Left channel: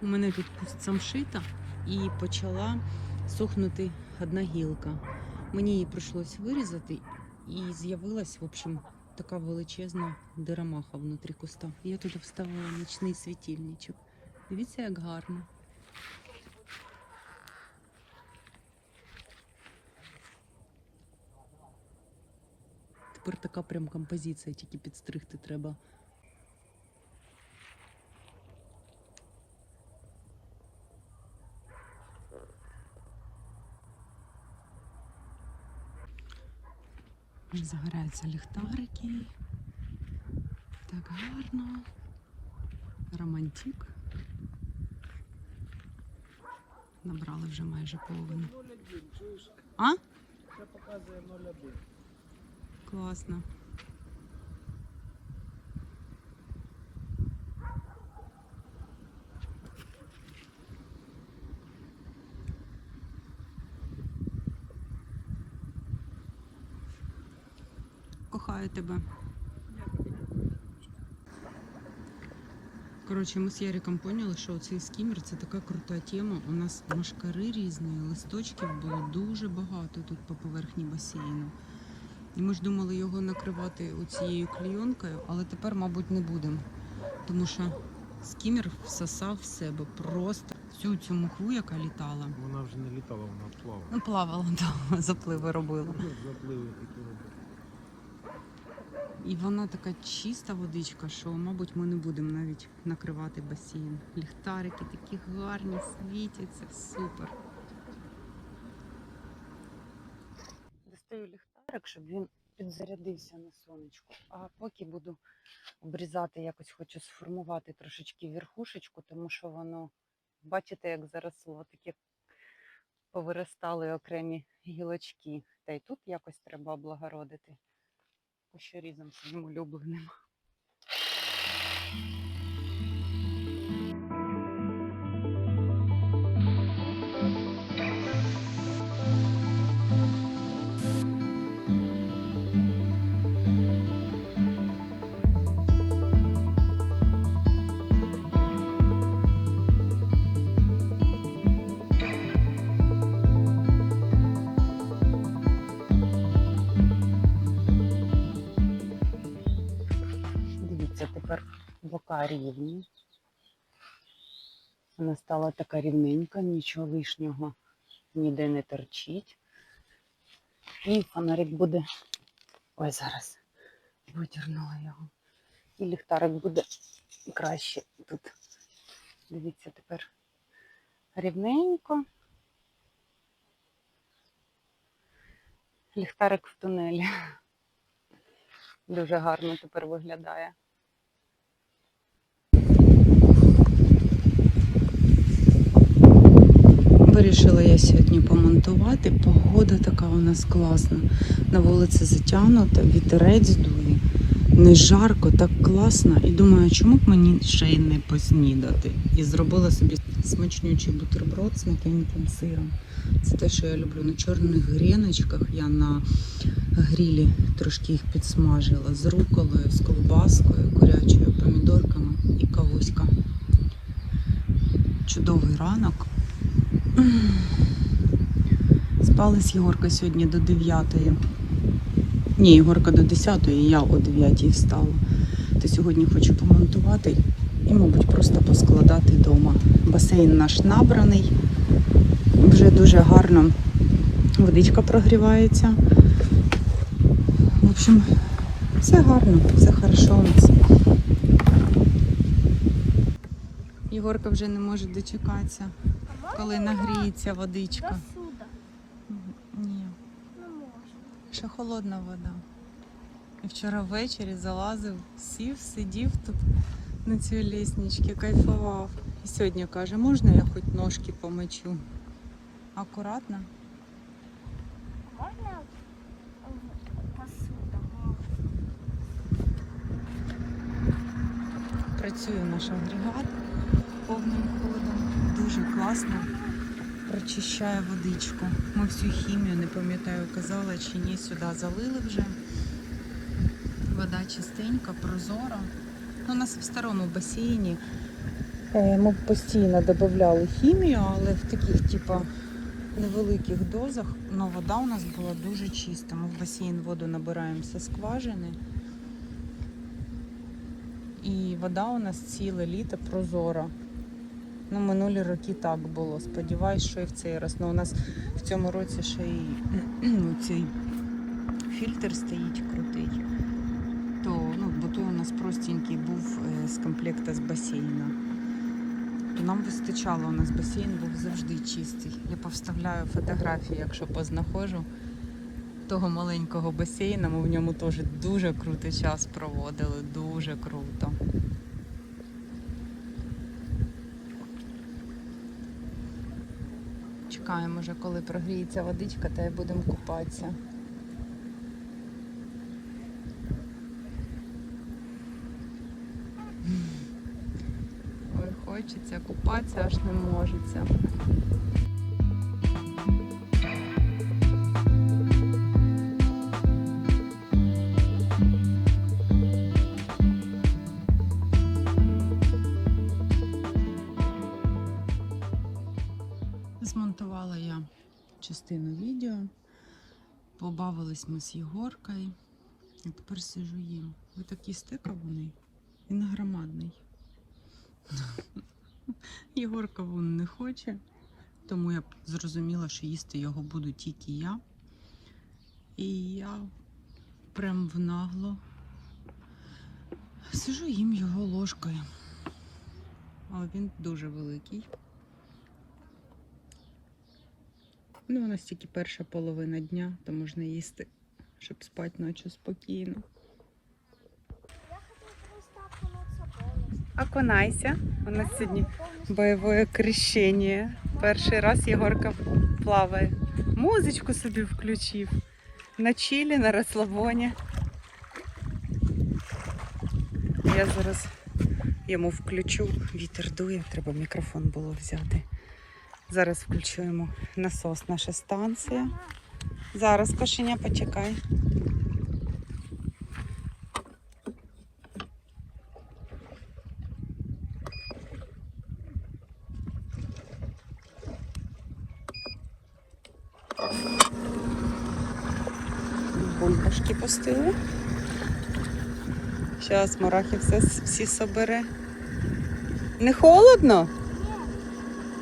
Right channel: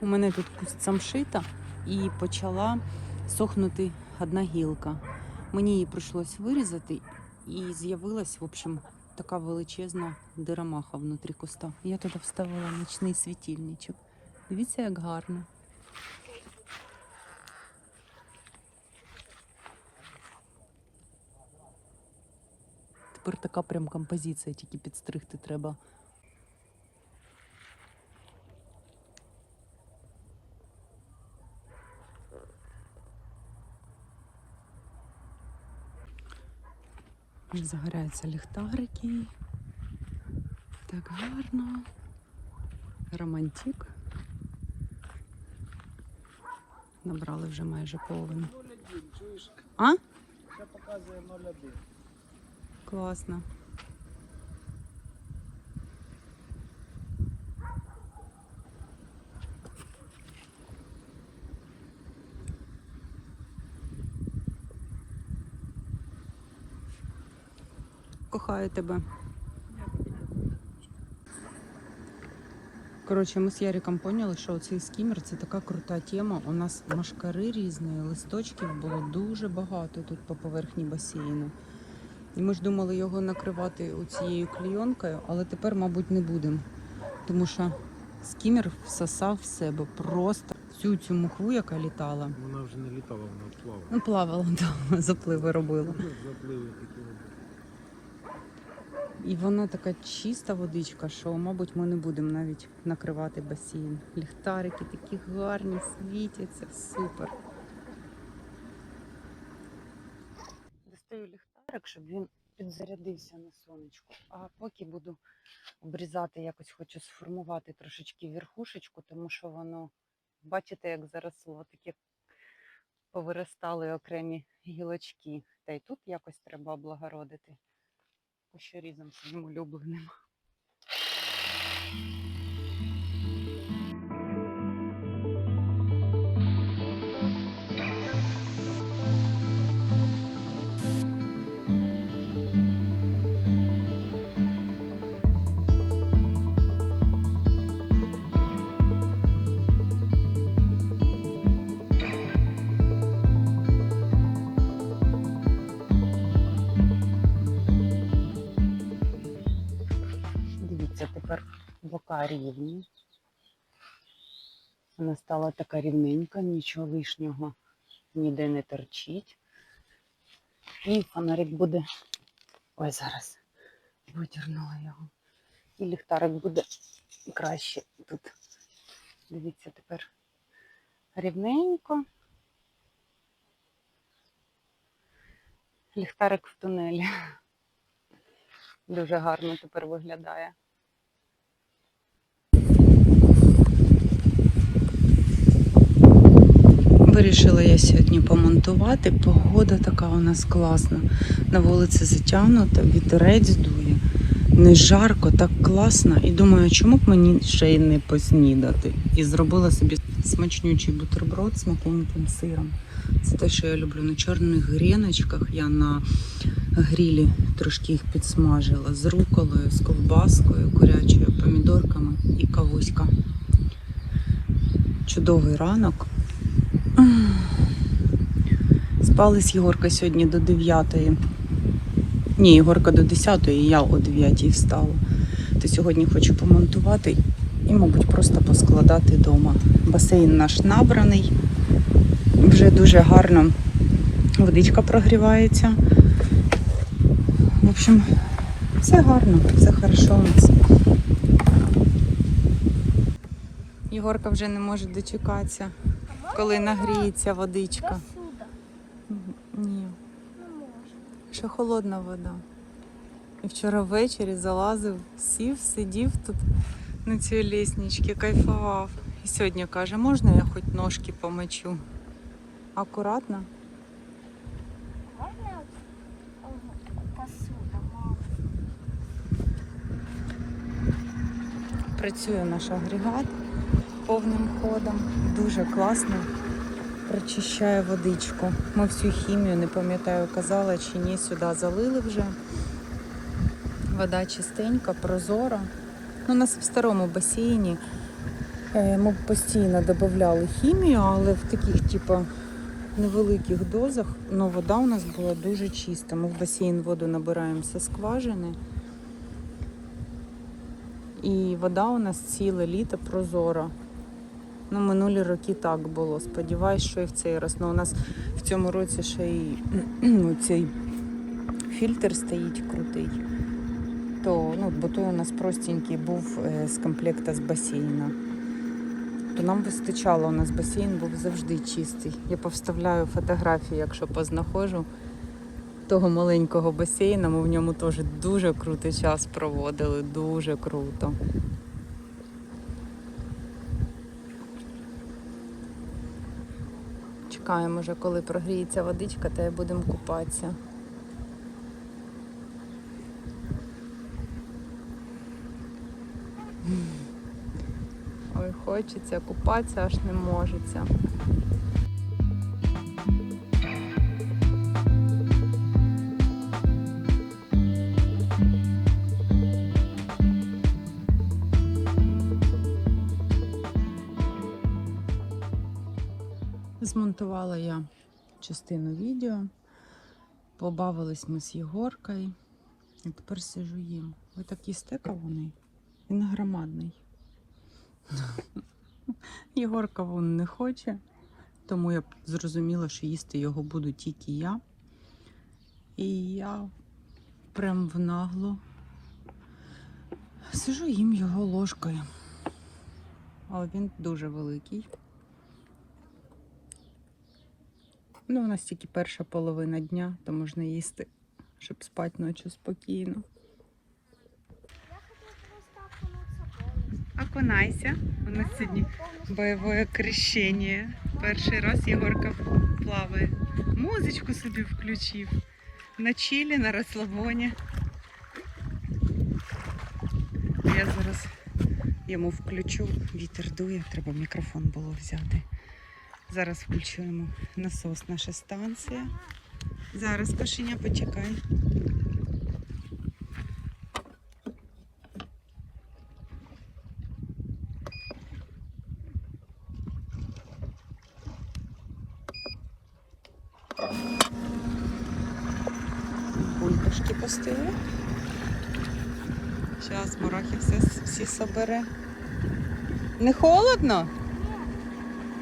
У мене тут куст самшита і почала сохнути одна гілка. Мені її прийшлось вирізати, і з'явилась, в общем, така величезна дирамаха внутрі куста. Я туди вставила нічний світильничок. Дивіться, як гарно. Тепер така прям композиція, тільки підстригти треба. Загоряються ліхтарики. Так гарно. Романтик. Набрали вже майже половину. А? це показує 0,1. Класно. Кохаю тебе. Коротше, ми з Яриком поняли, що цей скімер це така крута тема. У нас машкари різні, листочків було дуже багато тут по поверхні басейну. І ми ж думали його накривати цією клійонкою, але тепер, мабуть, не будемо. Тому що скімер всосав в себе просто всю цю муху, яка літала. Вона вже не літала, вона плавала. Ну, плавала, да, запливи робила. Запливи такі робили. І вона така чиста водичка, що, мабуть, ми не будемо навіть накривати басейн. Ліхтарики такі гарні, світяться, супер. Достаю ліхтарик, щоб він підзарядився на сонечку. А поки буду обрізати, якось хочу сформувати трошечки верхушечку, тому що воно, бачите, як заросло, таке повиростали окремі гілочки. Та й тут якось треба облагородити кущорізом своїм улюбленим. Рівні. Вона стала така рівненька, нічого лишнього ніде не торчить. І фонарик буде. Ой, зараз витягнула його. І ліхтарик буде краще тут. Дивіться, тепер рівненько. Ліхтарик в тунелі. Дуже гарно тепер виглядає. Вирішила я сьогодні помонтувати. Погода така у нас класна. На вулиці затягнута, вітерець дує. Не жарко, так класно. І думаю, чому б мені ще й не поснідати? І зробила собі смачнючий бутерброд з м'якеньким сиром. Це те, що я люблю на чорних гріночках. Я на грілі трошки їх підсмажила з руколою, з ковбаскою, курячою, помідорками і кавуська. Чудовий ранок. Спали з Єгоркою сьогодні до 9. Ні, Єгорка до 10, і я о 9 встала. То сьогодні хочу помонтувати і, мабуть, просто поскладати вдома. Басейн наш набраний. Вже дуже гарно водичка прогрівається. В общем, все гарно, все хорошо у нас. Єгорка вже не може дочекатися, коли нагріється водичка. Ні. Ще холодна вода. І вчора ввечері залазив, сів, сидів тут на цій лісничці, кайфував. І сьогодні каже, можна я хоч ножки помочу? Акуратно. Працює наш агрегат повним ходом. Дуже класно. Прочищає водичку. Ми всю хімію, не пам'ятаю, казала чи ні, сюди залили вже. Вода чистенька, прозора. Ну, у нас в старому басейні Е, Ми постійно додавали хімію, але в таких, типа, невеликих дозах. Ну, вода у нас була дуже чиста. Ми в басейн воду набираємо зі скважини. І вода у нас ціле літо прозора. Ну, минулі роки так було. Сподіваюсь, що і в цей раз. Ну, у нас в цьому році ще й ну, цей фільтр стоїть крутий. То, ну, бо то у нас простенький був е, з комплекта з басейна. То нам вистачало, у нас басейн був завжди чистий. Я повставляю фотографії, якщо познаходжу того маленького басейна. Ми в ньому теж дуже крутий час проводили, дуже круто. Чекаємо вже, коли прогріється водичка, та й будемо купатися. Ой, хочеться купатися, аж не можеться. Частину відео. Побавились ми з Єгоркою. І тепер сижу їм. Ви так їсте кавуни? Він громадний. Єгор кавун не хоче, тому я зрозуміла, що їсти його буду тільки я. І я прям в нагло сижу їм його ложкою. Але він дуже великий. Ну, у нас тільки перша половина дня, то можна їсти, щоб спати ночі спокійно. Я. Окунайся. У нас сьогодні бойове крещення. Перший раз Єгорка плаває. Музичку собі включив. На чилі, на розслабоні. Я зараз йому включу. Вітер дує, треба мікрофон було взяти. Зараз включуємо насос, наша станція. Зараз кошеня почекай. Бомбушки пустили. Зараз Марахи все всі собере. Не холодно?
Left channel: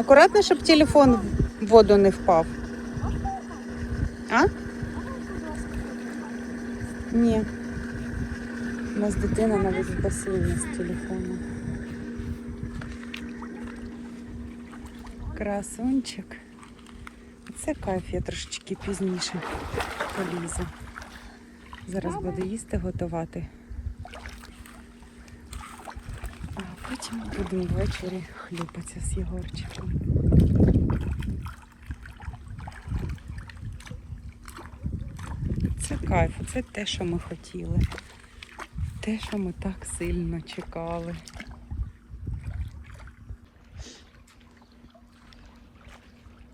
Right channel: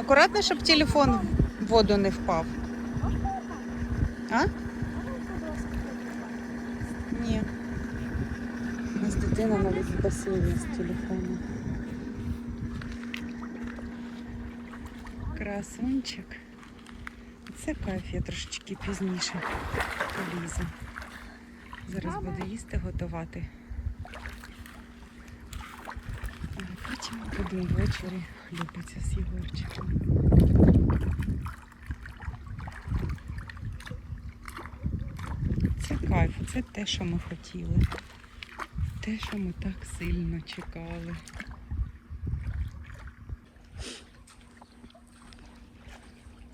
Акуратно, щоб телефон в воду не впав. А? Ні. У нас дитина на басейні з телефоном. Красунчик. Це кайф, я трошечки пізніше полізу. Зараз буду їсти готувати. А потім буду ввечері хлюпатися з Єгорчиком. Це кайф, це те, що ми хотіли. Те, що ми так сильно чекали.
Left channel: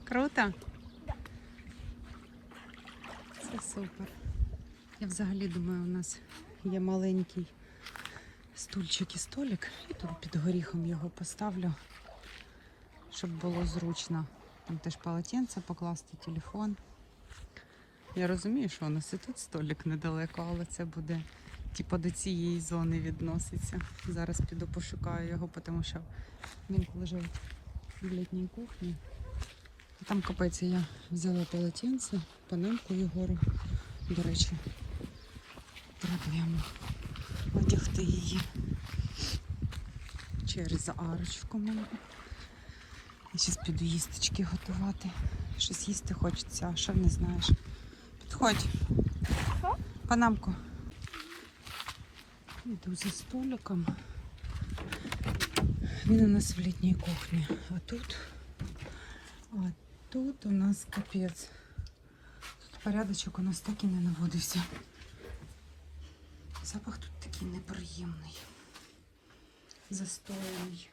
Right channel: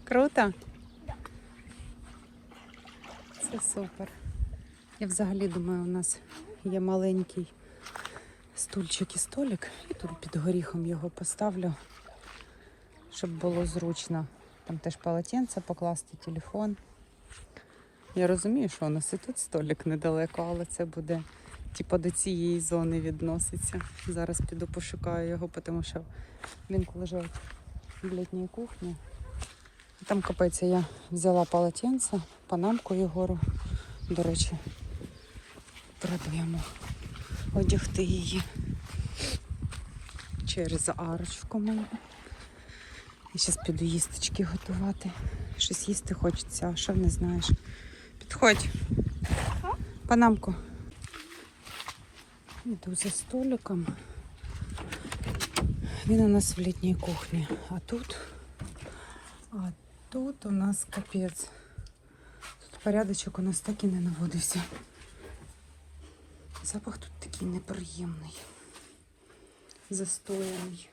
Круто? Це супер. Я взагалі думаю, у нас є маленький стульчик і столик. Тут під горіхом його поставлю, щоб було зручно. Там теж полотенце покласти, телефон. Я розумію, що у нас і тут столик недалеко, але це буде типу до цієї зони відноситься. Зараз піду пошукаю його, тому що він лежить в літній кухні. Там копається, я взяла полотенце, панамку Єгору. До речі, йому одягти її через арочку мою. І зараз піду їсточки готувати. Щось їсти хочеться, а що не знаєш. Підходь. Панамку. Іду за столиком. Він у нас в літній кухні. А тут, а тут у нас капець. Тут порядочок у нас так і не наводився. Запах тут такий неприємний. Застояний.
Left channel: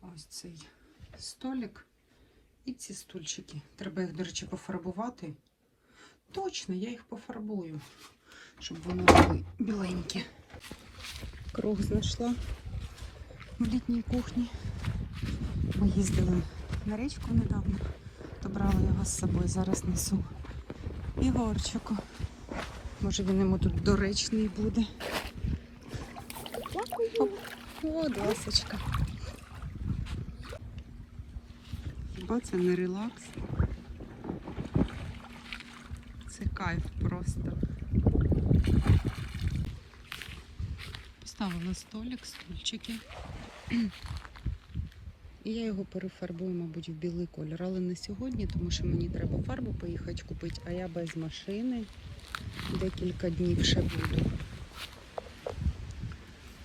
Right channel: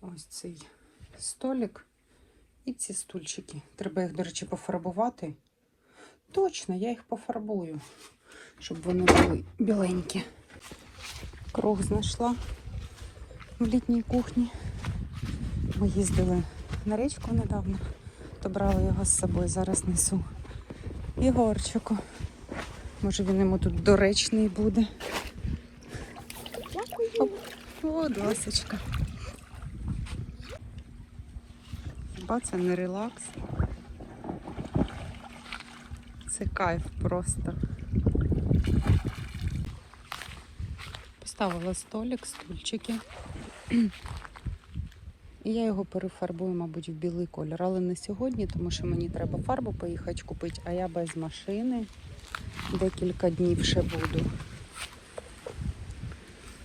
Ось цей столик і ці стульчики. Треба їх, до речі, пофарбувати. Точно, я їх пофарбую, щоб вони були біленькі. Круг знайшла. в літній кухні. Ми їздили на річку недавно, то брали його з собою, зараз несу. Єгорчику. Може він йому тут доречний буде. Дякую. О, досочка. Хіба це не релакс? Це кайф просто. Поставила столик, стульчики. І я його перефарбую, мабуть, в білий колір. Але не сьогодні, тому що мені треба фарбу поїхати купити, а я без машини. Декілька днів ще буду.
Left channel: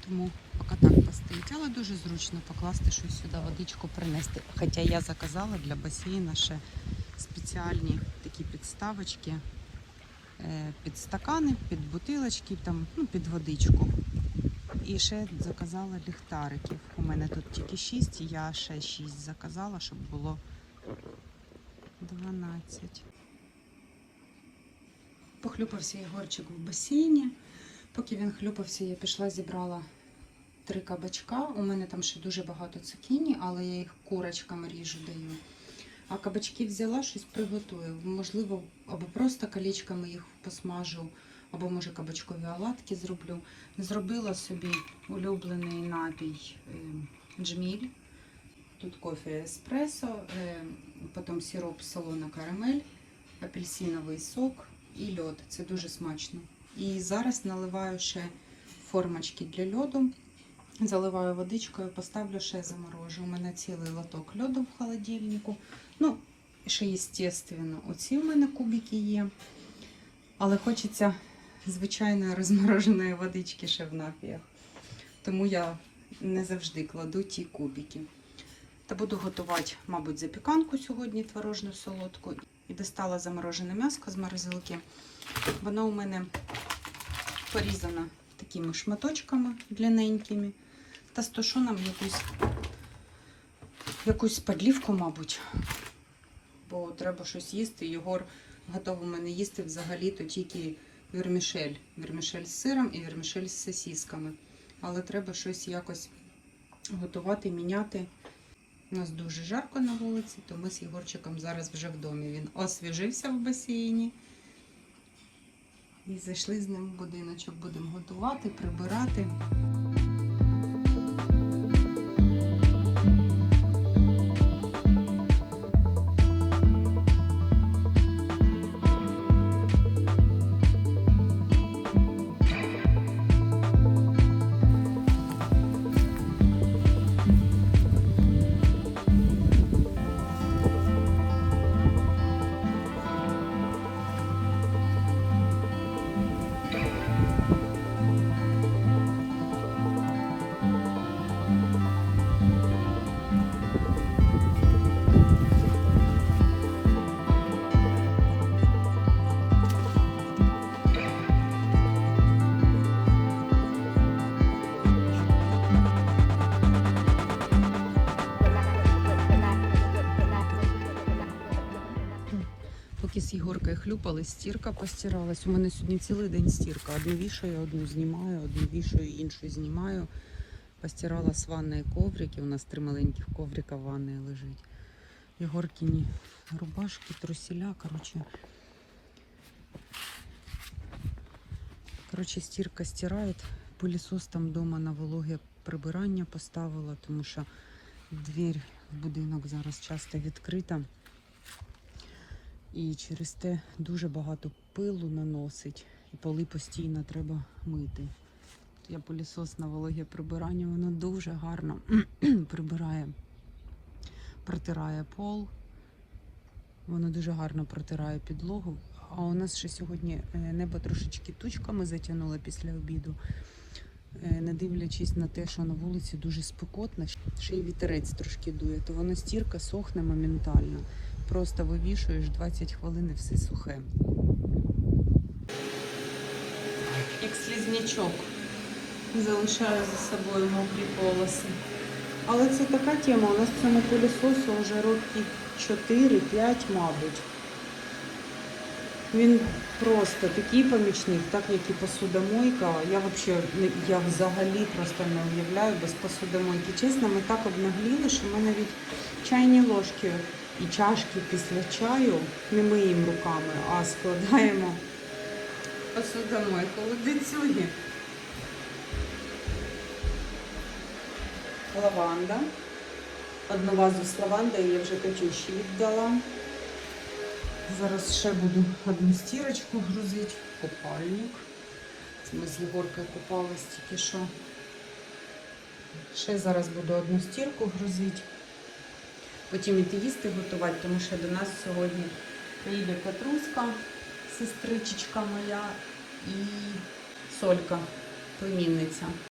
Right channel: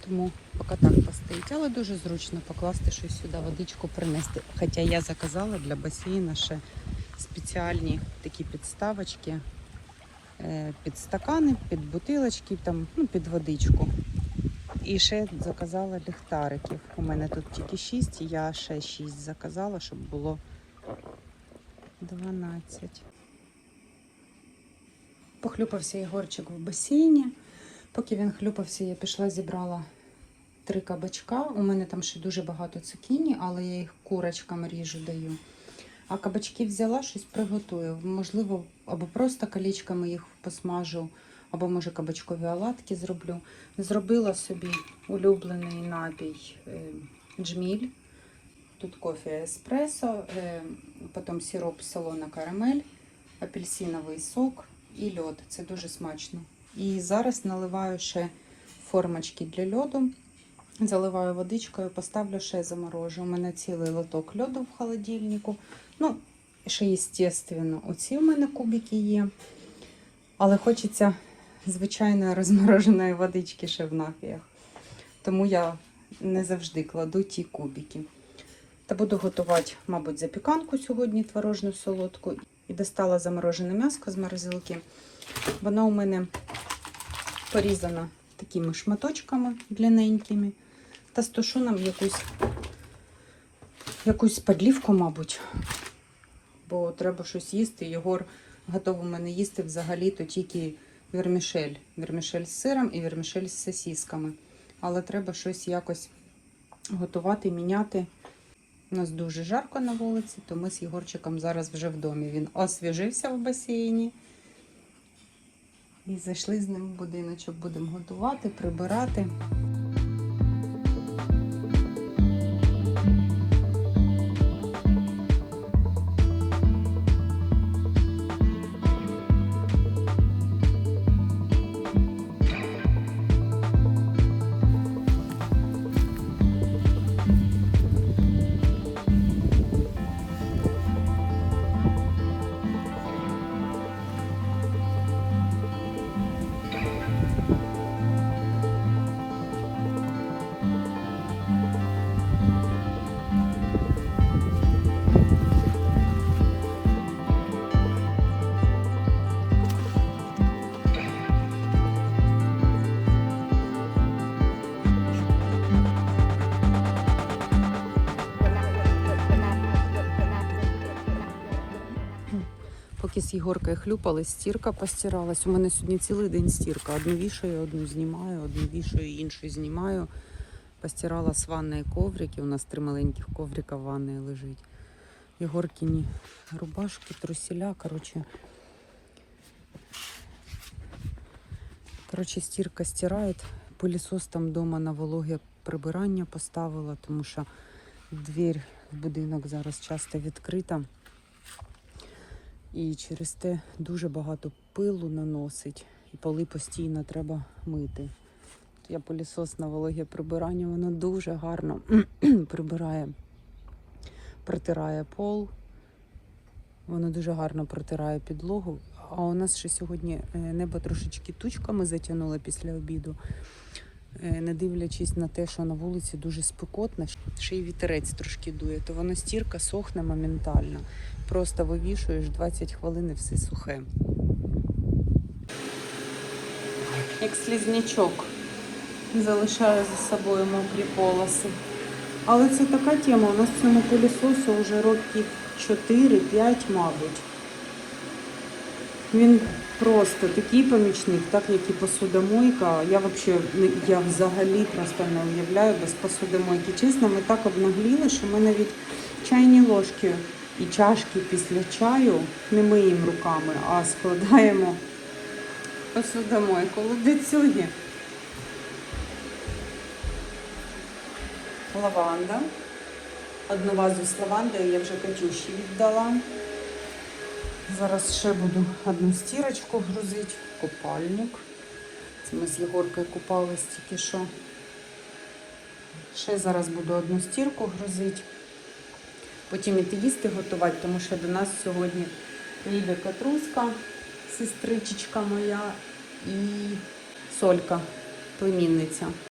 Тому поки так постоїть. Але дуже зручно покласти щось сюди, водичку принести. Хоча я заказала для басейна ще спеціальні такі підставочки е, під стакани, під бутилочки, там, ну, під водичку. І ще заказала ліхтариків. У мене тут тільки 6, я ще 6 заказала, щоб було 12. Похлюпався Єгорчик в басейні. Поки він хлюпався, я пішла, зібрала три кабачка. У мене там ще дуже багато цукіні, але я їх курочкам ріжу даю. А кабачки взяла, щось приготую. Можливо, або просто колечками їх посмажу, або може кабачкові оладки зроблю. Зробила собі улюблений напій е, джміль. Тут кофе еспресо, е, потім сироп солона карамель, апельсиновий сок і льод. Це дуже смачно. І зараз наливаю ще формочки для льоду. Заливаю водичкою, поставлю ще заморожу. У мене цілий лоток льоду в холодильнику. Ну, ще, звісно, оці у мене кубики є. Але хочеться звичайної розмороженої водички ще в напіях. Тому я не завжди кладу ті кубики. Та буду готувати, мабуть, запіканку сьогодні творожну солодку. І достала заморожене м'яско з морозилки. Воно у мене порізано такими шматочками длинненькими. Та з тушоном якусь, якусь подлівку, мабуть. Бо треба щось їсти. Єгор готовий мене їсти взагалі-то тільки вермішель. Вермішель з сиром і вермішель з сосісками. Але треба щось якось готувати, міняти. У нас дуже жарко на вулиці, то ми з Єгорчиком зараз вже в домі. Він освіжився в басейні. І зайшли з ним в будиночок, будемо готувати, прибирати. Єгоркою хлюпали, стірка постиралась. У мене сьогодні цілий день стірка. Одну вішаю, одну знімаю, одну вішаю, іншу знімаю. Постирала з ванної коврики. У нас три маленьких коврика в ванної лежить. Єгоркіні рубашки, труселя. Коротше. Коротше, стірка стирає. Пилісос там вдома на вологе прибирання поставила, тому що двір в будинок зараз часто відкрита. І через те дуже багато пилу наносить, і поли постійно треба мити. Я пилісос на вологе прибирання, воно дуже гарно прибирає, протирає пол, воно дуже гарно протирає підлогу. А у нас ще сьогодні е, небо трошечки тучками затягнуло після обіду. Е, Не дивлячись на те, що на вулиці дуже спекотно, ще й вітерець трошки дує, то воно стірка сохне моментально. Просто вивішуєш 20 хвилин і все сухе. Як слізнячок залишаю за собою мокрі полоси. Але це така тема. У нас в цьому пилісосу вже років 4-5, мабуть. Він просто такий помічник, так як і посудомойка. Я взагалі, я взагалі просто не уявляю без посудомойки. Чесно, ми так обнагліли, що ми навіть чайні ложки і чашки після чаю не миємо руками, а складаємо посудомойку. Ледицюги. Лаванда. Одну вазу з лавандою я вже Катюші віддала. Зараз ще буду одну стірочку грузити, купальник. Це ми з Єгоркою купались тільки що. Ще зараз буду одну стірку грузити. Потім іти їсти готувати, тому що до нас сьогодні приїде Катруська, сестричечка моя і Солька, племінниця.